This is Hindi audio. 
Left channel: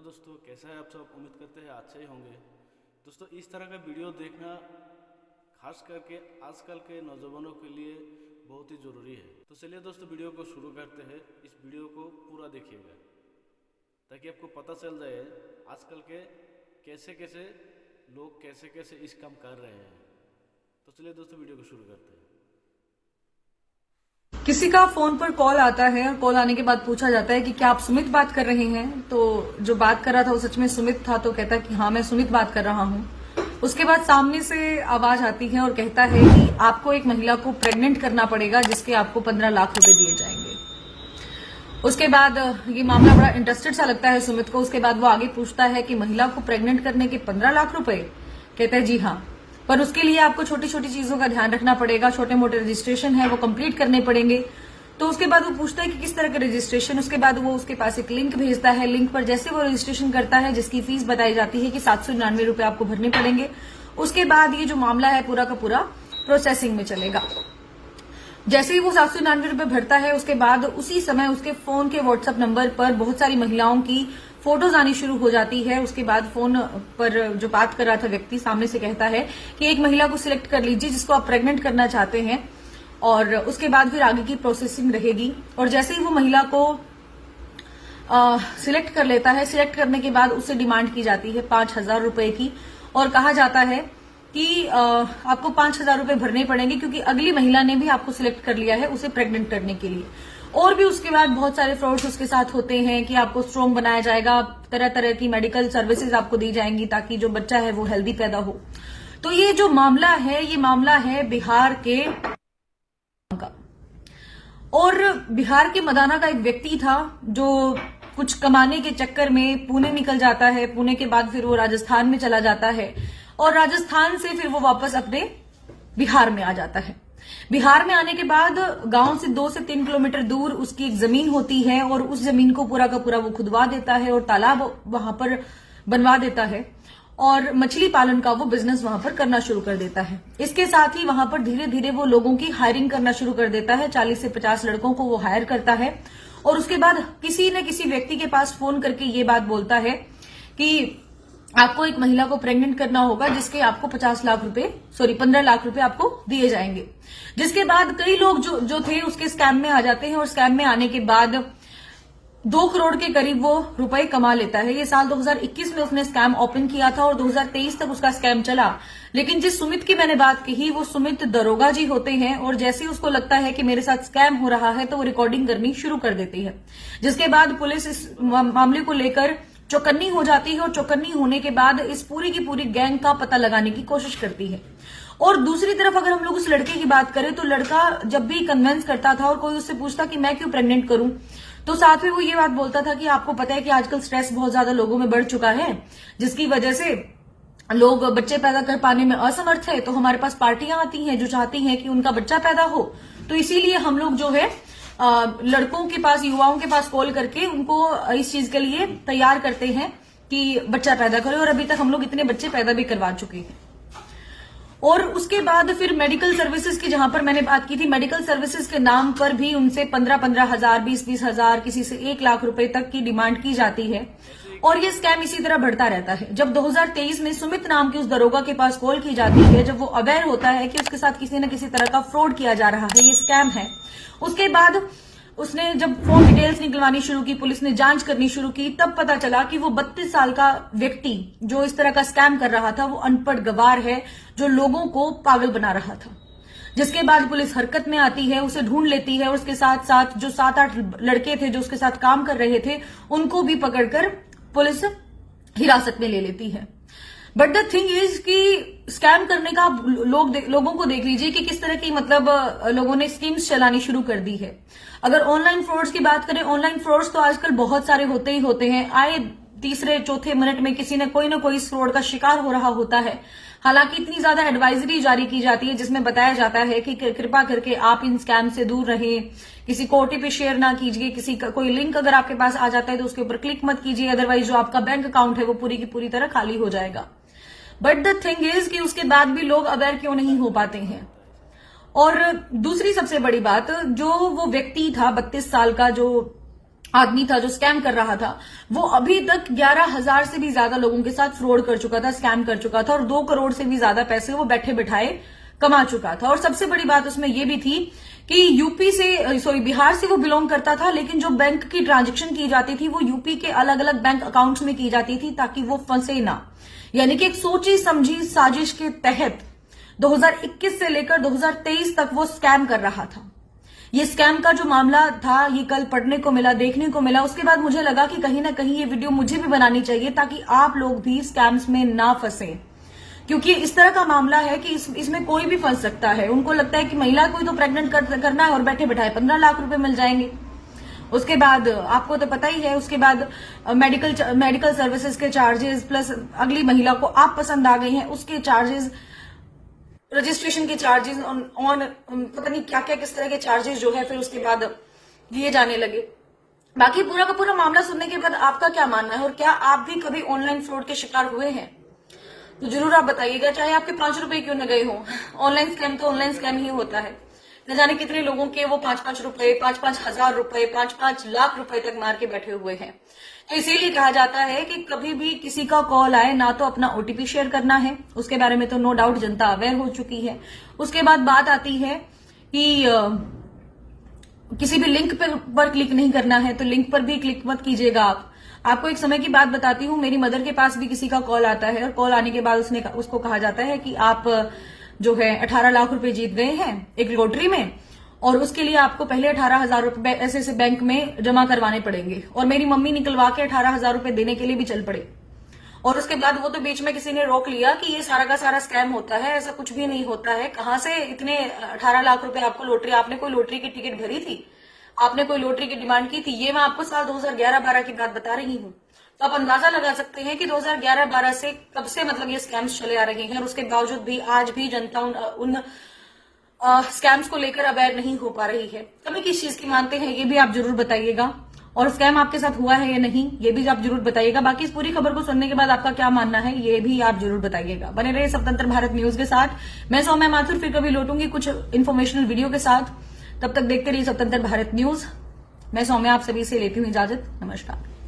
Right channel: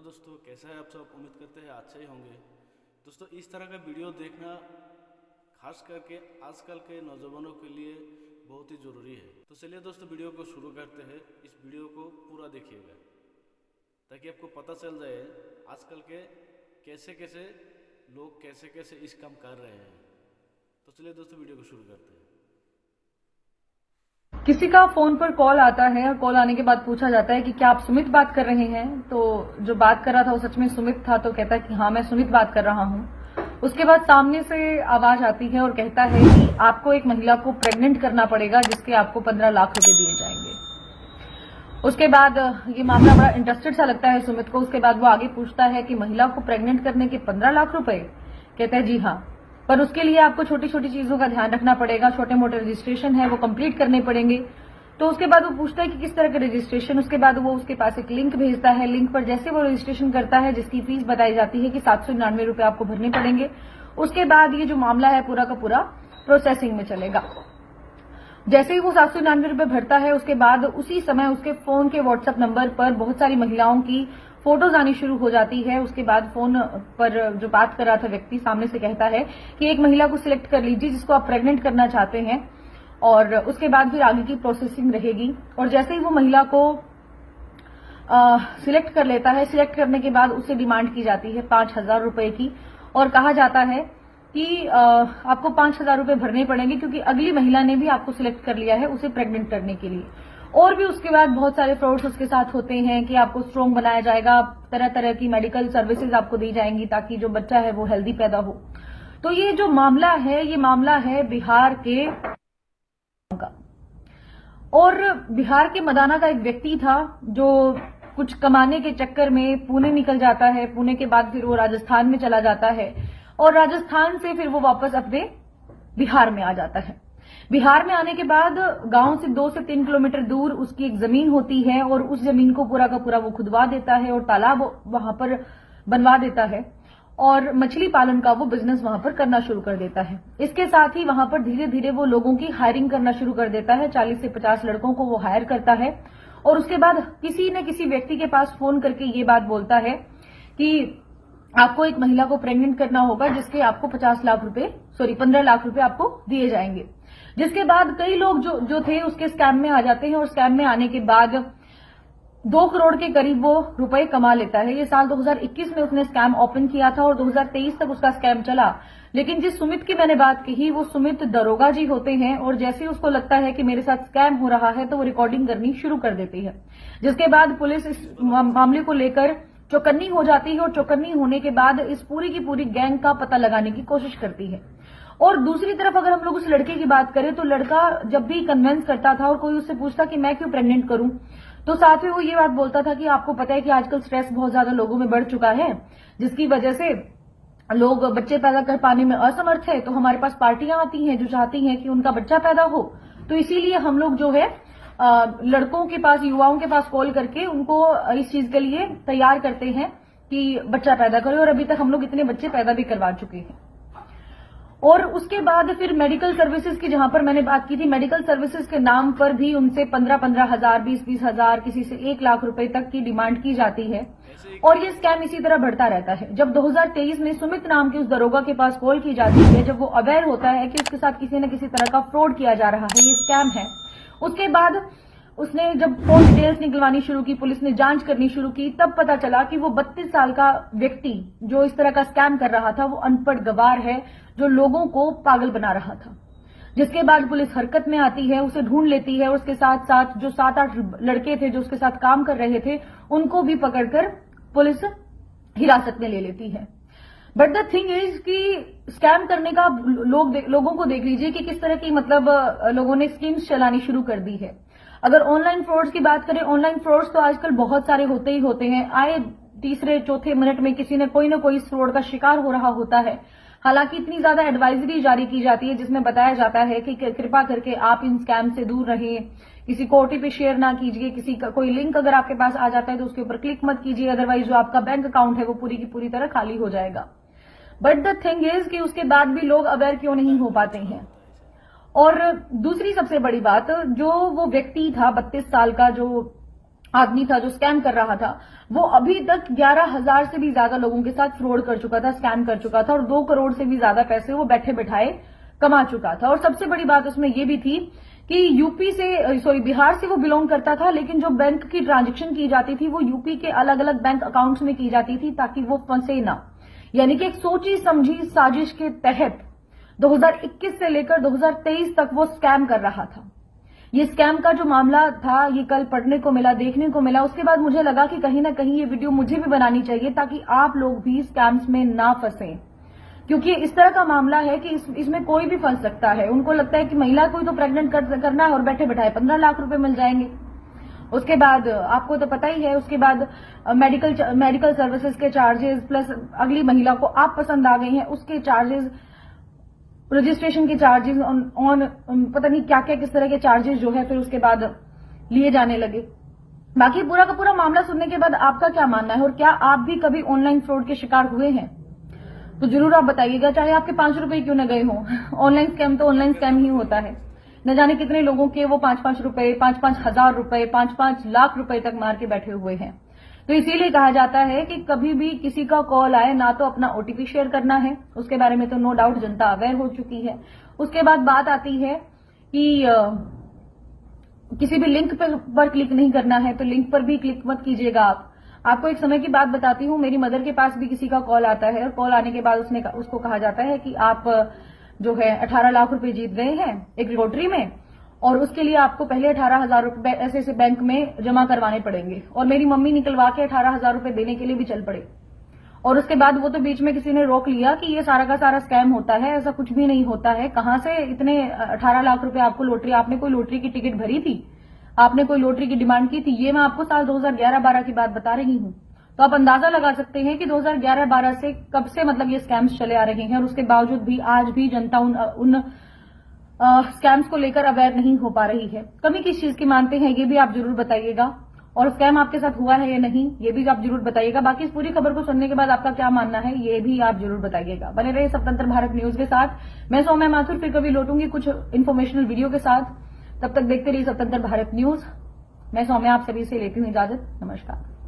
हेलो दोस्तों, कैसा है आप सब। उम्मीद करते हैं अच्छे ही होंगे। दोस्तों, इस तरह का वीडियो देखना खास करके आजकल के नौजवानों के लिए बहुत ही ज़रूरी है। तो चलिए दोस्तों, वीडियो को शुरू करते हैं। इस वीडियो को पूरा देखिएगा ताकि आपको पता चल जाए आजकल के कैसे कैसे लोग कैसे कैसे इस काम कर रहे हैं। तो चलिए दोस्तों, वीडियो को शुरू करते हैं। किसी का फोन पर कॉल आता है और कॉल आने के बाद पूछा जाता है कि क्या आप सुमित बात कर रहे हैं। तो जो बात कर रहा था वो सच में सुमित था, तो कहता है कि हाँ मैं सुमित बात कर रहा हूँ। उसके बाद सामने से आवाज आती है और कहता है कि आपको एक महिला को प्रेग्नेंट करना पड़ेगा जिसके आपको 15 लाख रुपए दिए जाएंगे। उसके बाद ये मामला बड़ा इंटरेस्टेड सा लगता है सुमित को। उसके बाद वो आगे पूछता है कि महिला को प्रेग्नेंट करने के 15 लाख रुपए। कहता है जी हाँ, पर उसके लिए आपको छोटी छोटी चीजों का ध्यान रखना पड़ेगा, छोटे मोटे रजिस्ट्रेशन है वो कंप्लीट करने पड़ेंगे। तो उसके बाद वो पूछता है कि किस तरह का रजिस्ट्रेशन। उसके बाद वो उसके पास एक लिंक भेजता है। लिंक पर जैसे वो रजिस्ट्रेशन करता है, जिसकी फीस बताई जाती है कि 799 रुपए आपको भरने पड़ेंगे, उसके बाद ये जो मामला है पूरा का पूरा प्रोसेसिंग में चलेगा। जैसे ही वो 799 रुपए भरता है, उसके बाद उसी समय उसके फोन के व्हाट्सएप नंबर पर बहुत सारी महिलाओं की फोटोज आनी शुरू हो जाती है। उसके बाद फोन पर जो बात कर रहा था व्यक्ति सामने से कहता है कि एक महिला को सिलेक्ट कर लीजिए जिसको आप प्रेग्नेंट करना चाहते हैं, और उसके बाद फिर आगे की प्रोसेसिंग रहेगी। और जैसे ही वो महिला को सिलेक्ट कर लेता है, सिलेक्ट करने के बाद उससे डिमांड की जाती है 5,000 रुपए की, और कहा जाता है कि आपको 5,000 रुपए भरने पड़ेंगे क्योंकि अगली महिला ने भी आपको सिलेक्ट कर लिया है उसे प्रेग्नेंट करने के लिए। और भी उसके बाद बहुत सारे फ्रॉड्स उसके साथ होते हैं कि आपको स्ट्रॉन्ग बनाया जाएगा, तरह तरह की मेडिकल सर्विसेज आपको दी जाएंगी ताकि जो बच्चा है वो हेल्दी पैदा हो। तो ये जो मामला है, ये मामला है बिहार के का। और बिहार के मदाना का एक व्यक्ति था जो कुछ कमाने के चक्कर में पुणे निकल जाता है। पुणे के बाद फिर वो राजस्थान में चला जाता है और राजस्थान से फिर वो वापस अपने बिहार में आ जाता है। बिहार में आने के बाद गांव से 2 से 3 किलोमीटर दूर उसकी एक जमीन होती है और उस जमीन को पूरा का पूरा वो खुदवा देता है और तालाब वहां पर बनवा देता है और मछली पालन का वो बिजनेस वहां पर करना शुरू कर देता है। इसके साथ ही वहां पर धीरे धीरे वो लोगों की हायरिंग करना शुरू कर देता है। 40 से 50 लड़कों को वो हायर करता है और उसके बाद किसी न किसी व्यक्ति के पास फोन करके ये बात बोलता है कि आपको एक महिला को प्रेग्नेंट करना होगा जिसके आपको 15 लाख रुपए आपको दिए जाएंगे। जिसके बाद कई लोग जो थे उसके स्कैम में आ जाते हैं और स्कैम में आने के बाद 2 करोड़ के करीब वो रुपए कमा लेता है। ये साल 2021 में उसने स्कैम ओपन किया था और 2023 तक उसका स्कैम चला। लेकिन जिस सुमित की मैंने बात कही वो सुमित दरोगा जी होते हैं और जैसे ही उसको लगता है कि मेरे साथ स्कैम हो रहा है तो वो रिकॉर्डिंग करनी शुरू कर देती है। जिसके बाद पुलिस इस मामले को लेकर चौकन्नी हो जाती है और चौकन्नी होने के बाद इस पूरी की पूरी गैंग का पता लगाने की कोशिश करती है। और दूसरी तरफ अगर हम लोग उस लड़के की बात करें तो लड़का जब भी कन्विंस करता था और कोई उससे पूछता कि मैं क्यों प्रेग्नेंट करूं, तो साथ में वो ये बात बोलता था कि आपको पता है कि आजकल स्ट्रेस बहुत ज्यादा लोगों में बढ़ चुका है, जिसकी वजह से लोग बच्चे पैदा कर पाने में असमर्थ है। तो हमारे पास पार्टियां आती हैं जो चाहती हैं कि उनका बच्चा पैदा हो, तो इसीलिए हम लोग जो है लड़कों के पास, युवाओं के पास कॉल करके उनको इस चीज के लिए तैयार करते हैं कि बच्चा पैदा करें। और अभी तक हम लोग इतने बच्चे पैदा भी करवा चुके हैं। और उसके बाद फिर मेडिकल सर्विसेज की जहां पर मैंने बात की थी, मेडिकल सर्विसेज के नाम पर भी उनसे 15-15 हजार, 20-20 हजार, किसी से 1 लाख रुपए तक की डिमांड की जाती है। और ये स्कैम इसी तरह बढ़ता रहता है। जब 2023 में सुमित नाम के उस दरोगा के पास कॉल की जाती है, जब वो अवेयर होता है कि उसके साथ किसी न किसी तरह का फ्रॉड किया जा रहा है, ये स्कैम है, उसके बाद उसने जब फोन डिटेल्स निकलवानी शुरू की, पुलिस ने जांच करनी शुरू की, तब पता चला कि वो 32 साल का व्यक्ति जो इस तरह का स्कैम कर रहा था वो अनपढ़ गवार है जो लोगों को पागल बना रहा था। जिसके बाद पुलिस हरकत में आती है, उसे ढूंढ लेती है और उसके साथ साथ जो 7-8 लड़के थे जो उसके साथ काम कर रहे थे उनको भी पकड़कर पुलिस हिरासत में ले लेती है। बट द थिंग इज कि स्कैम करने का लोगों को देख लीजिए कि किस तरह की लोगों ने स्कीम्स चलानी शुरू कर दी है। अगर ऑनलाइन फ्रॉड्स की बात करें, ऑनलाइन फ्रॉड्स तो आजकल बहुत सारे होते ही होते हैं। आए 3-4 मिनट में किसी न कोई इस फ्रॉड का शिकार हो रहा होता है। हालांकि इतनी ज्यादा एडवाइजरी जारी की जाती है जिसमें बताया जाता है कि कृपा करके आप इन स्कैम से दूर रहें, किसी को ओटीपी शेयर ना कीजिए, किसी का कोई लिंक अगर आपके पास आ जाता है तो उसके ऊपर क्लिक मत कीजिए, अदरवाइज जो आपका बैंक अकाउंट है वो पूरी की पूरी तरह खाली हो जाएगा। बट द थिंग इज कि उसके बाद भी लोग अवेयर क्यों नहीं हो पाते हैं। और दूसरी सबसे बड़ी बात, जो वो व्यक्ति था 32 साल का जो आदमी था जो स्कैम कर रहा था, वो अभी तक 11,000 से भी ज्यादा लोगों के साथ फ्रॉड कर चुका था, स्कैम कर चुका था और 2 करोड़ से भी ज्यादा पैसे वो बैठे बिठाए कमा चुका था। और सबसे बड़ी बात उसमें ये भी थी कि बिहार से वो बिलोंग करता था, लेकिन जो बैंक की ट्रांजेक्शन की जाती थी वो यूपी के अलग अलग बैंक अकाउंट्स में की जाती थी ताकि वो फंसे ना। यानी कि एक सोची समझी साजिश के तहत 2021 से लेकर 2023 तक वो स्कैम कर रहा था। ये स्कैम का जो मामला था ये कल पढ़ने को मिला, देखने को मिला। उसके बाद मुझे लगा कि कहीं ना कहीं ये वीडियो मुझे भी बनानी चाहिए ताकि आप लोग भी स्कैम्स में ना फंसे, क्योंकि इस तरह का मामला है कि इसमें कोई भी फंस सकता है। उनको लगता है कि महिला को ही तो प्रेग्नेंट करना है और बैठे बैठाए 15 लाख रुपए मिल जाएंगे। उसके बाद आपको तो पता ही है, उसके बाद मेडिकल सर्विसेज के चार्जेस प्लस अगली महिला को आप पसंद आ गए हैं उसके चार्जेस, रजिस्ट्रेशन के चार्जेस ऑन पता नहीं क्या क्या किस तरह के चार्जेस जो है फिर उसके बाद लिए जाने लगे। बाकी पूरा का पूरा मामला सुनने के बाद आपका क्या मानना है और क्या आप भी कभी ऑनलाइन फ्रॉड के शिकार हुए हैं तो जरूर आप बताइएगा, चाहे आपके 5 रुपए क्यों न गए हों। ऑनलाइन स्कैम तो ऑनलाइन स्कैम ही होता है। न जाने कितने लोगों के वो 5-5 रुपए, 5-5 हजार रुपए, 5-5 लाख रुपए तक मार के बैठे हुए हैं। तो इसीलिए कहा जाता है कि कभी भी किसी का कॉल आए ना तो अपना ओटीपी शेयर करना है, उसके बारे में तो नो डाउट जनता अवेयर हो चुकी है। उसके बाद बात आती है कि किसी भी लिंक पर क्लिक नहीं करना है, तो लिंक पर भी क्लिक मत कीजिएगा आप। आपको एक समय की बात बताती हूँ, मेरी मदर के पास भी किसी का कॉल आता है और कॉल आने के बाद उसको कहा जाता है कि आप जो है 18 लाख रुपए जीत गए हैं एक लॉटरी में और उसके लिए आपको पहले 18,000 रुपए ऐसे बैंक में जमा करवाने पड़ेंगे। और मेरी मम्मी निकलवा के 18,000 रुपए देने के लिए भी चल पड़े। और उसके बाद वो तो बीच में किसी ने रोक लिया कि ये सारा का सारा स्कैम होता है, ऐसा कुछ भी नहीं होता है। कहां से इतने 18 लाख रुपए आपको लॉटरी, आपने कोई लॉटरी की टिकट भरी थी, आपने कोई लॉटरी की डिमांड की थी? ये मैं आपको साल 2011-12 की बात बता रही हूँ। तो आप अंदाजा लगा सकते हैं कि 2011-12 से कब से मतलब ये स्कैम्स चले आ रहे हैं और उसके बावजूद भी आज भी जनता उन स्कैम्स को लेकर अवेयर नहीं हो पा रही है। कमी किस चीज की मानते हैं ये भी आप जरूर बताइएगा, और स्कैम आपके साथ हुआ है या नहीं ये भी आप जरूर बताइएगा। बाकी इस पूरी खबर को सुनने के बाद आपका क्या मानना है ये भी आप जरूर बताइएगा। बने रहे स्वतंत्र भारत न्यूज के साथ। मैं सौम्या माथुर फिर कभी लौटूंगी कुछ इन्फॉर्मेशनल वीडियो के साथ। तब तक देखते रहिए स्वतंत्र भारत न्यूज। मैं सौम्या आप सभी से लेती हूँ इजाजत। नमस्कार।